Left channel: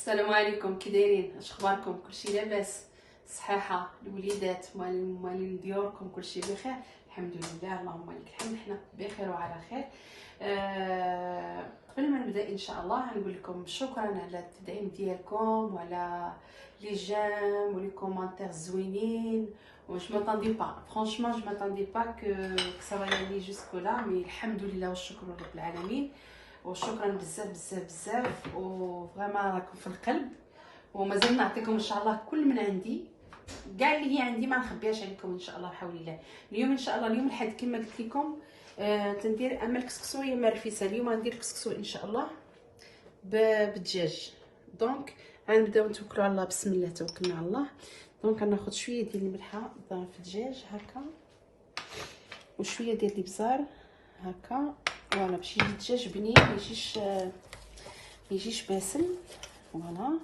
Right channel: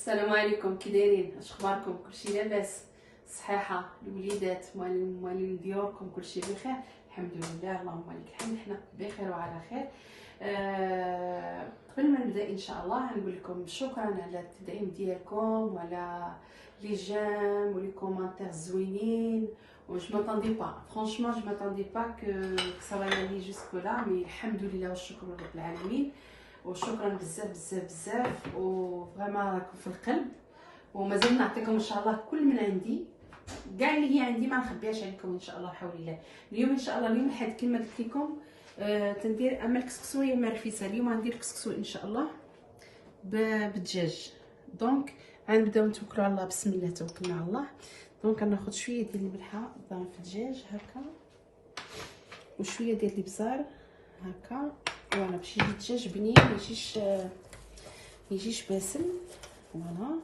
السلام عليكم، كي دايرين؟ اش اخباركم؟ كلشي لاباس؟ صحيحه الوليدات موالين ديوركم كلشي بخير؟ الحمد لله، اللهم لك الحمد، حنا بخير وعلى خير. قبل ما نبدا ان شاء الله نقول لكم شكرا على التدعيم ديالكم وعلى لي جيم ولي كومونتير زوينين. Je m'attendais pas, franchement je m'attendais pas que ça va y aller jusque là, mais الحمد لله والشكر رب العالمين، وشكرا بزاف بزاف بزاف، وفريمون راكم في القلب، ومازال نعطيكم ان شاء الله كل من عندي، كاع اللي هي عندي ما نخبيهاش عليكم ان شاء الله بحول الله. اليوم ان شاء الله اليوم الحد كما قلت لكم تندير اما الكسكسو يا مرفيسه. اليوم غندير الكسكسو ان شاء الله بالدجاج. دونك غنبداو نتوكلوا على الله، بسم الله توكلنا على الله. دونك غناخذ شويه ديال الملحه في الدجاج هكا، وشويه ديال الابزار هكا، فوالا باش يجي الدجاج بنين، ما يجيش باسل. فوالا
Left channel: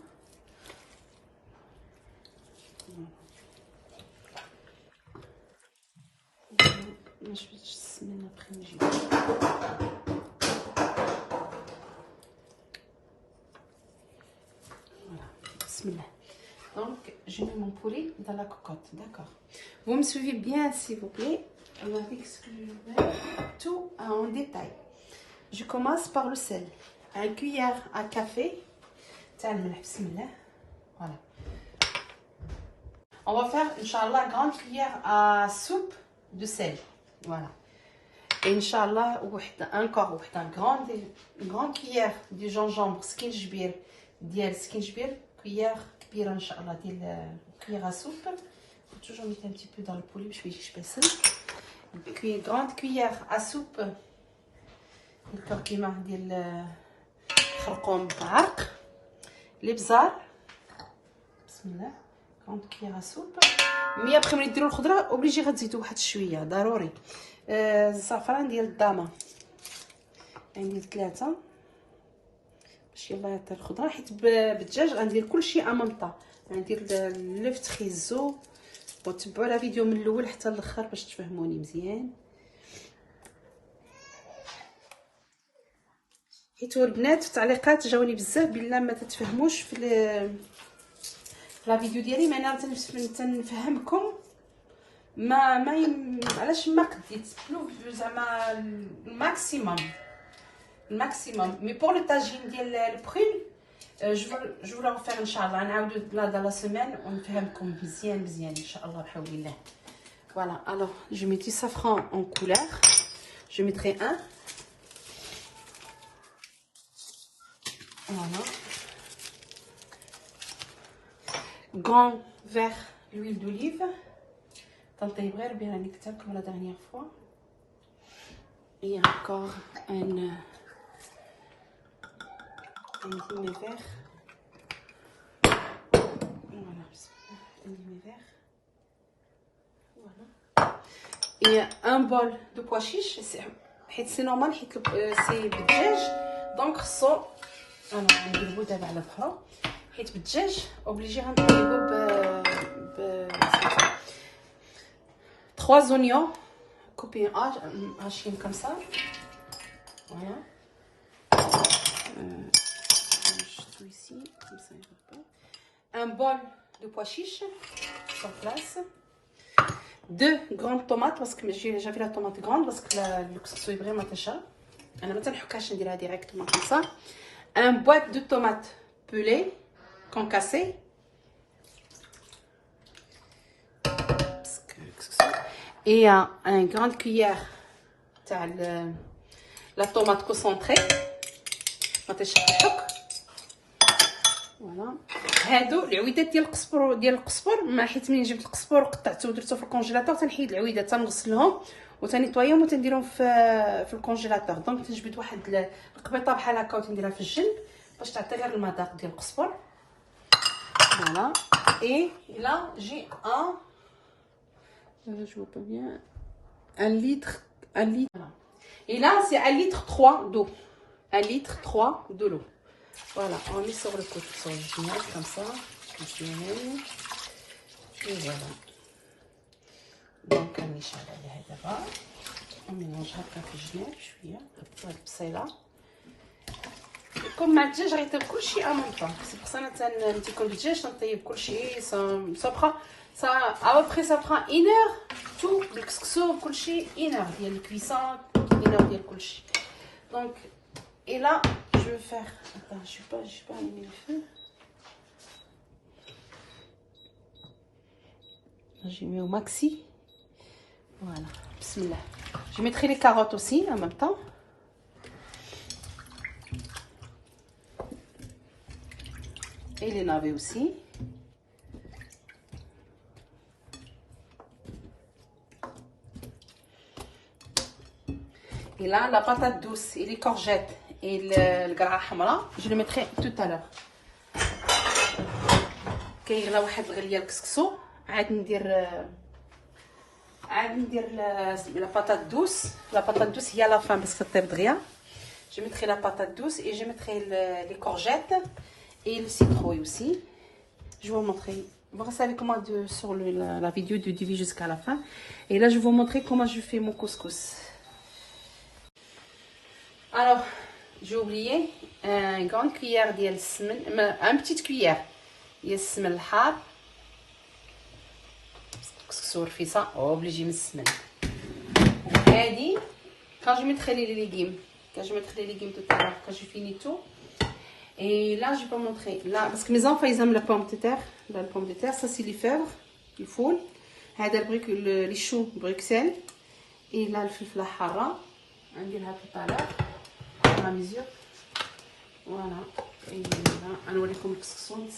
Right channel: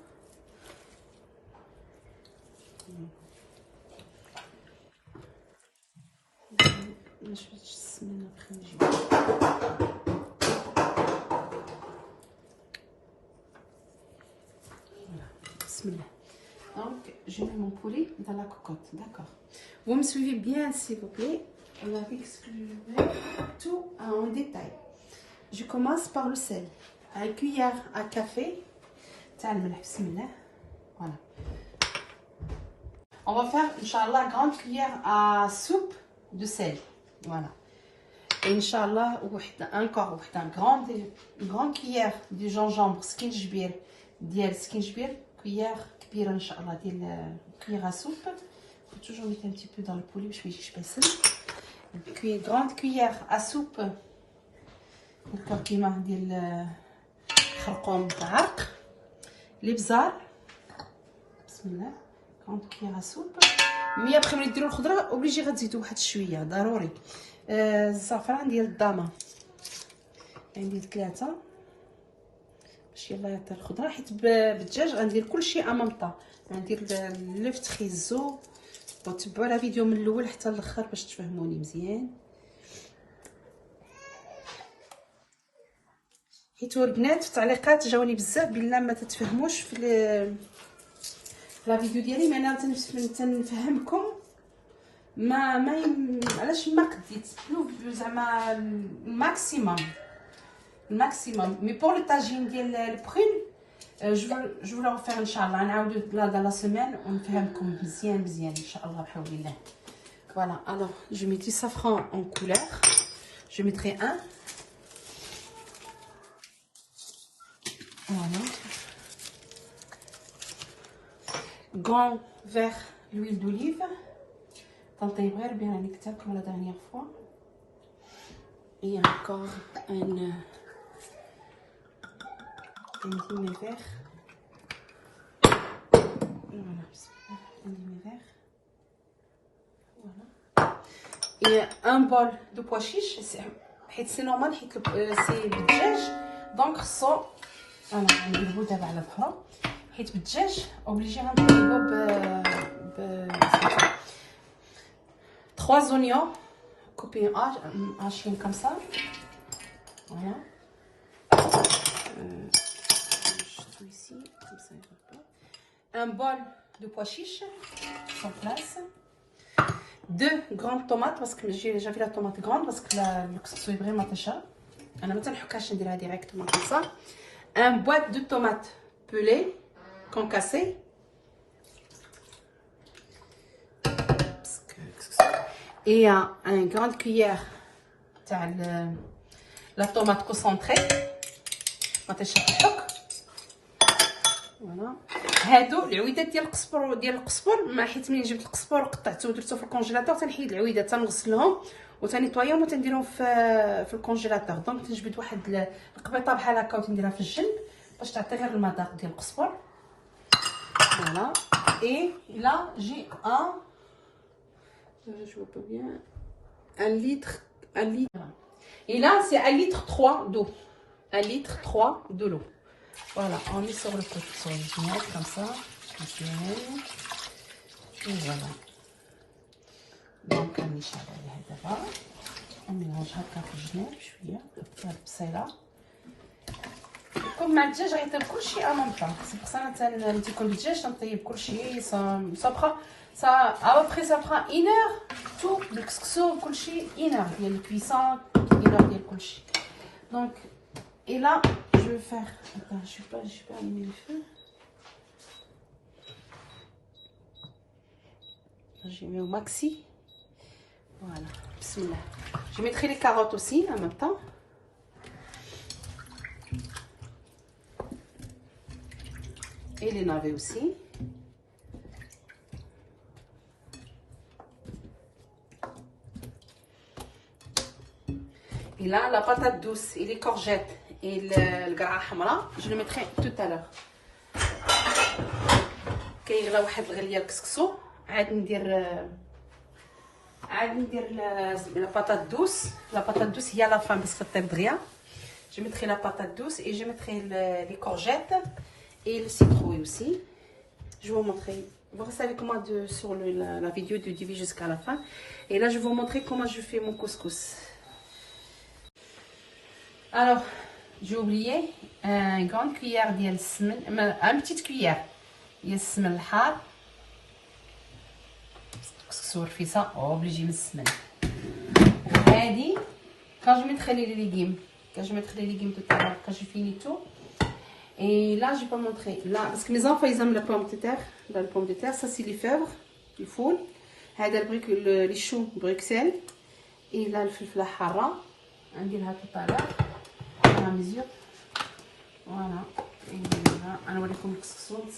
باش السمنه بخي نجيب. بسم الله. Donc je mets mon poulet dans la cocotte, d'accord? Vous me suivez bien s'il vous plaît, avec ce que je vais tout en détail. Je commence par le sel, une cuillère à café, bismillah. Voilà. On va faire Inch'Allah grande cuillère à soupe de sel, voilà. Et Inch'Allah encore une grande cuillère de gingembre skinjbir cuillère كبيره ان شاء الله ديال cuillère à soupe. Faut toujours mettre un petit peu dans le poulet باش ما يجيش باسل. grande cuillère à soupe هكا كيما ديال خرقوم بعرق. الابزار بسم الله، grande cuillère à soupe. مي ابخي ملي ديروا الخضره اوبليجي غتزيدوا واحد شويه ضروري. الزعفران ديال الضامه عندي 3 باش يلا يعطي الخضره، حيت بالدجاج غندير كلشي امامطا. غندير لو فتخيزو، وتبعوا لا فيديو من الاول حتى الاخر باش تفهموني مزيان. حيت البنات في التعليقات جاوني بزاف بلي ما تتفهموش في لا فيديو ديالي، ما انا تنفهمكم ما علاش ما قديت زعما الماكسيموم. Mais pour le tagine ديال البخيل je vais le faire ان شاء الله، نعاودو dans la semaine ونفهمكم مزيان ان شاء الله بحول الله. Voilà, alors je mets du safran en couleur, je mettrai un. Voilà. Grand verre d'huile d'olive. تنطيب bien راني كتبت comme la dernière fois. Et encore un demi-verre. Voilà, un demi-verre. Voilà. Et un bol de pois chiches. C'est normal, c'est بالدجاج. Donc خصو انا نديرو دابا على الفرن، حيت بالدجاج اوبليجي غنطيبو ب 3 oignons coupés hachés comme ça. Voilà. Ici, comme ça, un bol de pois chiches sur place, 2 grandes tomates parce que j'avais la tomate grande parce que le couscous est vraiment très cher. انا ما تنحكاش نديرها ديريكتومون comme ça. Un boîte de tomates pelées concassées, et une grande cuillère de la tomate concentrée. ما تنشطحوك. فوالا هادو العويدات ديال القزبر ما حيت ملي جبت القزبر وقطعته ودرته في الكونجيلاتور تنحيد العويدات، تنغسلهم وتنيطويهم وتنديرهم في الكونجيلاتور. دونك تنجبد واحد القبيطه بحال هكا وتنديرها في الجنب باش تعطي غير المذاق ديال القزبر. فوالا. اي لا جي je vois pas bien, un litre. Et là c'est 1 litre 3 d'eau, 1 litre 3 de l'eau. Voilà, on met sur le côté, sur le vinaigre comme ça, et voilà. Donc on mélange هكا في الجناب شويه. البصيله كون مع الدجاج غيطيب كلشي ان ميم طون. سي بور سا انا ملي تيكون الدجاج تنطيب كلشي سا بخا سا ابري سا بخا 1 اور تو بالكسكسو كلشي 1 اور ديال الكويسون 1 اور ديال كلشي. دونك et là je vais faire attends je vais pas allumer le feu. Je mets au maxi. Voilà, bismillah. Je mettrai les carottes aussi en même temps. Et les navets aussi. Et là, la patate douce et les courgettes et le gras hamra, je le mettrai tout à l'heure. كيغلى واحد الغليه الكسكسو عاد ندير لا باتات دوس. لا باتات دوس هي لا فان باش تطيب دغيا. Je mettrai la patate douce et je mettrai les courgettes et le citrouille aussi. Je vais vous montrer. Vous restez avec moi sur la vidéo du début jusqu'à la fin. Et là, je vais vous montrer comment je fais mon couscous. Alors, j'ai oublié une grande cuillère de semen, une petite cuillère de semen الحار. كسكسو رفيصة obligé من السمن. هذه quand je mettrai les légumes. Quand je mettrai les légumes tout à l'heure, quand j'ai fini tout. Et là, je vais pas montrer. Là, parce que mes enfants, ils aiment la pomme de terre. Là, la pomme de terre, ça, c'est les fèvres, les foules. Les choux Bruxelles. Et là, le fil hara. On dit là tout à l'heure. À mesure. Voilà. Et là, on va vous montrer le couscous.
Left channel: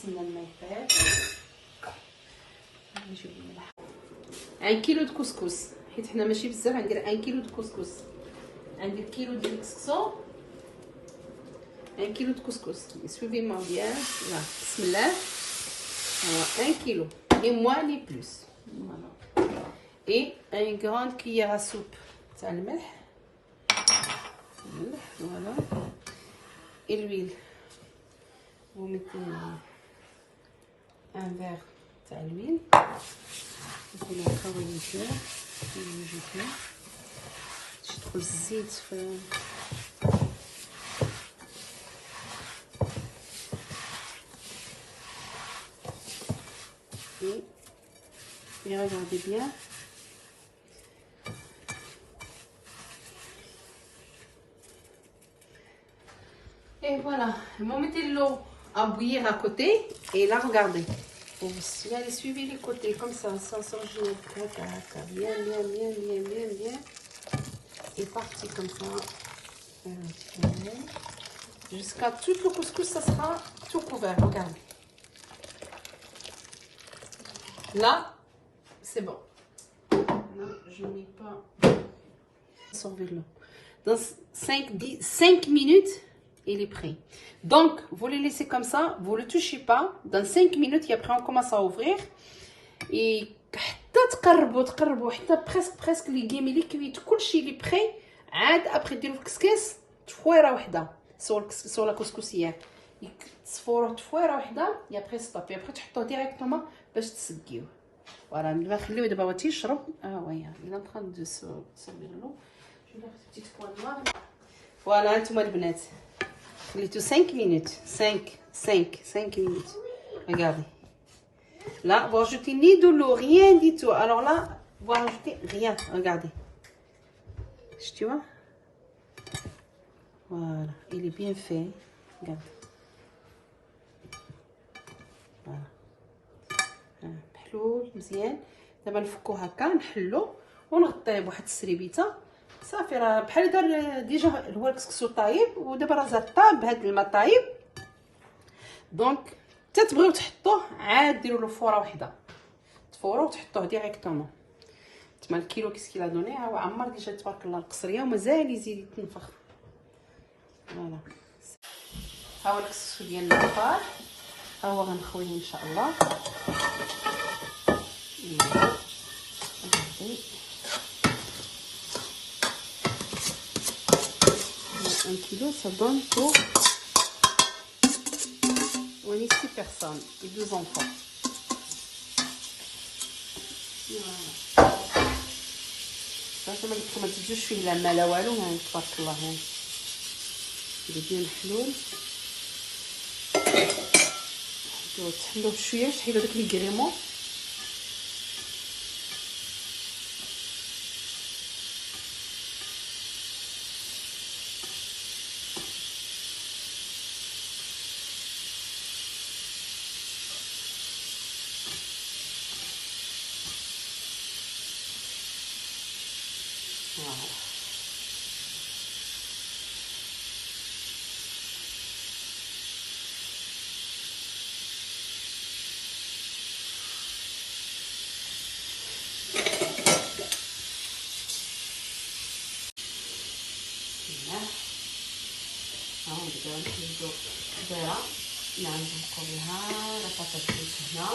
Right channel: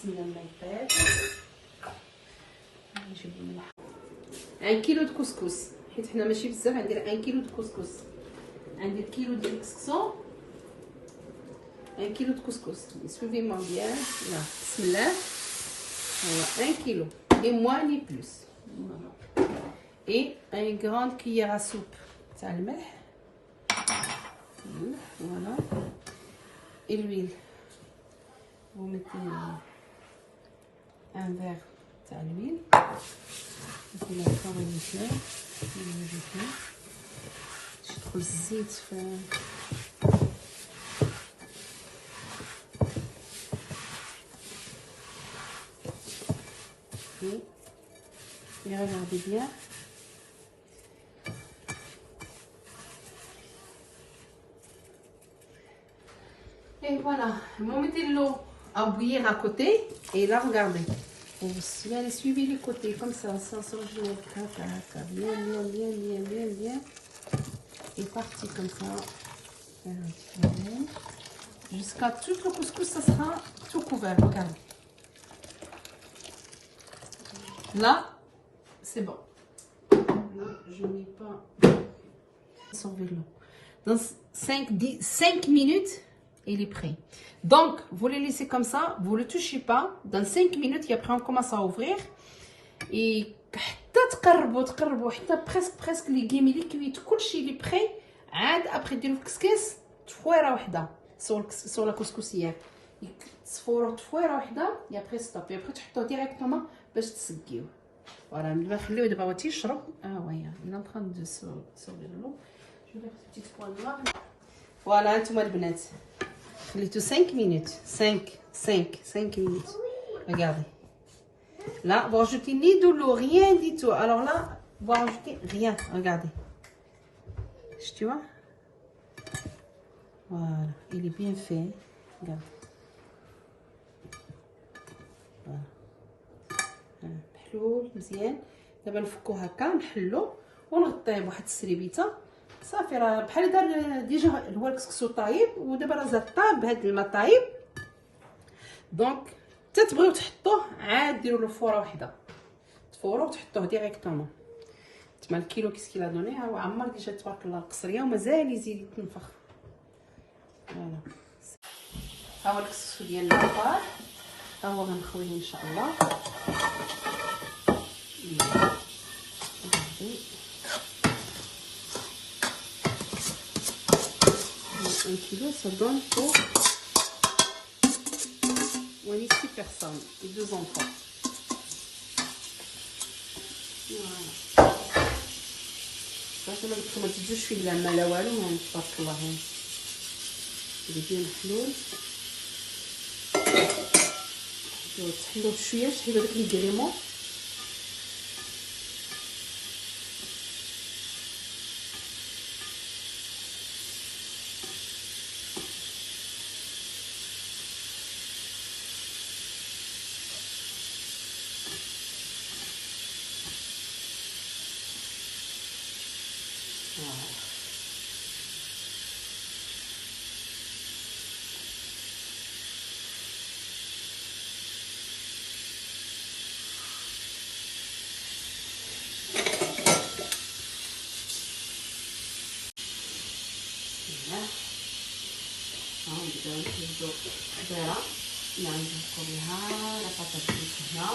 1 كيلو د كسكس. حيت حنا ماشي بزاف، غندير 1 كيلو د كسكس. عندي كيلو ديال الكسكسو 1 كيلو de couscous. Suivez-moi bien. Là, bismillah. Voilà, 1 kilo. Et moins ni plus. Voilà. Et une grande cuillère à soupe. Ça le melh. Voilà. Et l'huile. Vous mettez un verre de l'huile. Vous mettez encore une cuillère. J'ai trop zit. Et regardez bien. Et voilà, vous mettez l'eau à bouillir à côté. Et là, regardez. Et vous allez suivre les côtés comme ça, sans changer. Bien, bien, bien, bien, bien, bien. Et parti comme ça. Jusqu'à tout le couscous, ça sera tout couvert. Regardez. Là, c'est bon. Là, je n'ai pas absorbé l'eau. Dans 5 minutes, il est prêt. Donc, vous le laissez comme ça, vous ne le touchez pas. Dans 5 minutes, et après on commence à ouvrir. Et تقربوا حتى presque les légumes اللي كويت كلشي اللي prêt. عاد après ديروا الكسكس تفويره وحده sur la couscoussière. تصفروه تفويره وحده et après stop. Et après تحطوه directement باش تسقيوه. Voilà, دابا نخليوه دابا هو تيشرب. ويا il est en train de sortir l'eau. Je vais faire une petite poêle là. Voilà, انتوما البنات. خليتو 5 minutes. 5 minutes. Regardez. Là, vous rajoutez ni de l'eau, rien du tout. Alors là, vous rajoutez rien. Regardez. Tu vois? Voilà, il est bien fait. Regarde. Voilà. محلول مزيان. دابا نفكو هكا نحلو ونغطيه بواحد السريبيته. صافي راه بحال دار ديجا هو الكسكسو طايب ودابا راه زاد طاب بهاد الماء طايب. دونك حتى تبغيو تحطوه عاد ديروا له فوره وحده. تفوروه وتحطوه ديريكتومون. تما الكيلو كيسكي لا دوني ها هو عمر ديجا تبارك الله القصريه ومازال يزيد يتنفخ. فوالا. ها هو الكسكسو ديالنا طاب. ها هو غنخويه ان شاء الله. Un kilo, ça donne pour 6 personnes et 2 enfants. Voilà. Ça, ما تزيدوش فيه لا ما لا والو، تبارك الله. Il est bien محلول. تحلوه بشويه، تحيدوا داك لي كريمون. نبداو نحيدو البيضه اللي غنزرقو بها لا بطاط هنا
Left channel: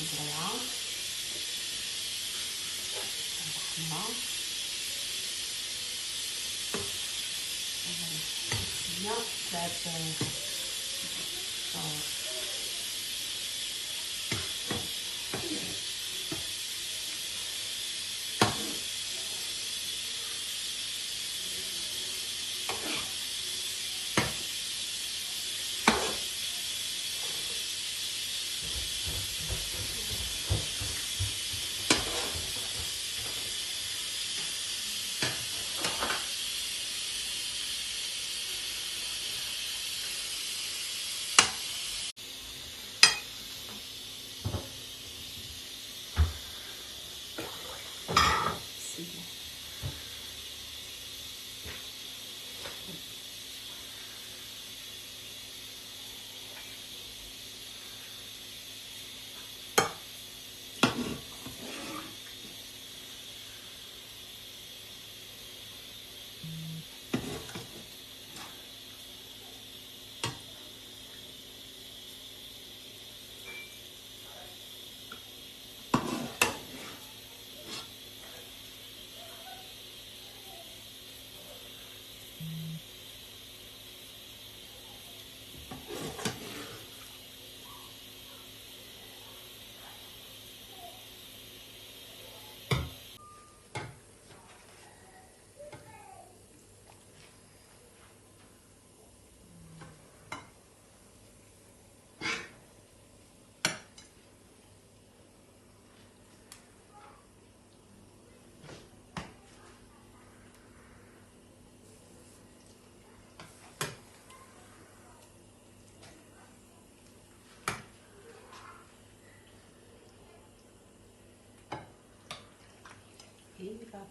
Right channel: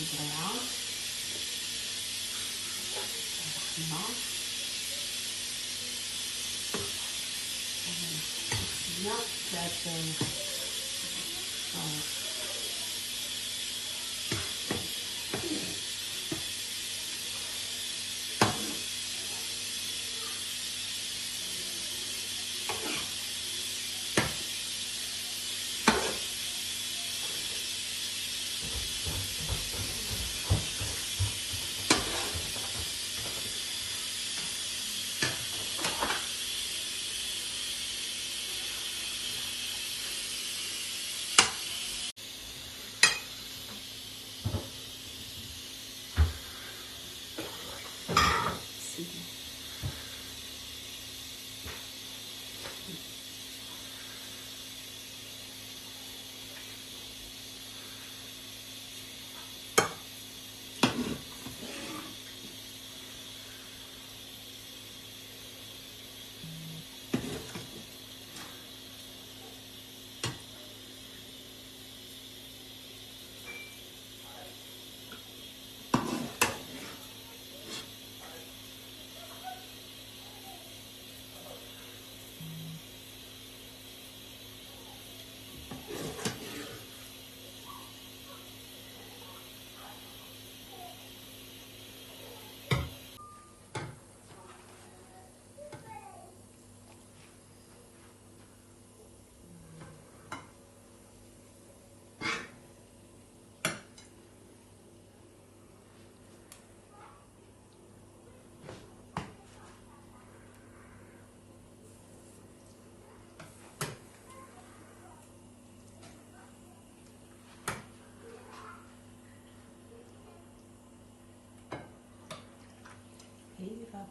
البريعه الحمرا هنا ثلاث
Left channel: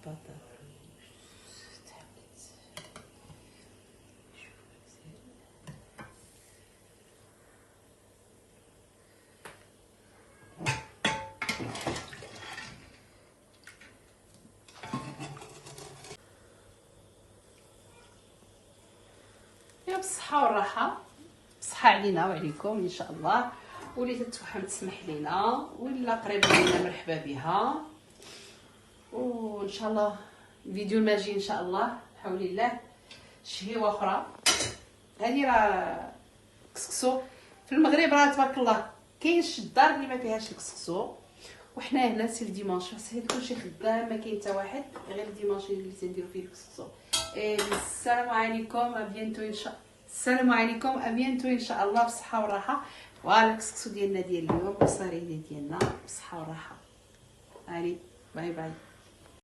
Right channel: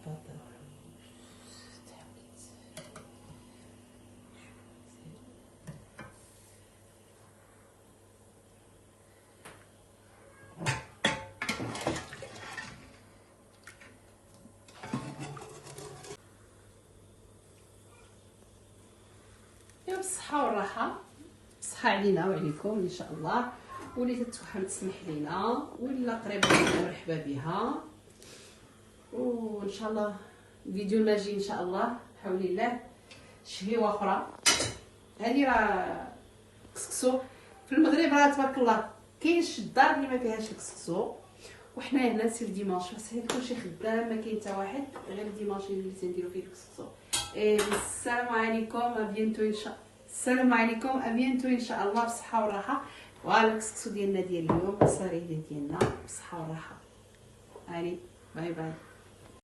بابا. يا بالصحة والراحة، بالصحة علينا وعليكم ان شاء الله. واللي تتوحم تسمح لينا ولا قريبه لينا مرحبا بها. وان شاء الله الفيديو الماجي ان شاء الله بحول الله شهيوه اخرى. هاني راه كسكسو في المغرب راه تبارك الله كاينش الدار اللي ما فيهاش الكسكسو، وحنا هنا سير ديمانش حيت كلشي خدام ما كاين حتى واحد غير ديمانش اللي تنديرو فيه الكسكسو. السلام عليكم ابيانتو ان شاء الله. السلام عليكم ابيانتو ان شاء الله بالصحه والراحه. فوالا الكسكسو ديالنا ديال اليوم الصريح ديالنا بالصحه والراحه. علي باي باي.